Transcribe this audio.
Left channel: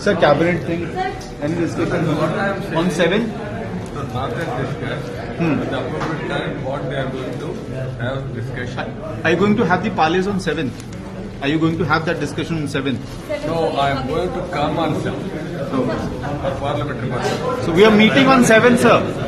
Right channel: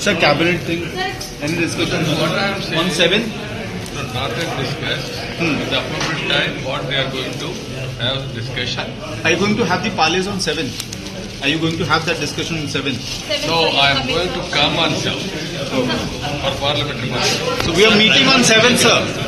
Sir, cabinet thing, any discussion What I am saying on 7? no, not yet discussed. At the appropriate time, what they are going to have discussion. Are you going to have the parleys on 7? Are you going to have that discussion on 7? No, I am going to come on 7 for parliamentary parliament. So we are meeting on 7, sir.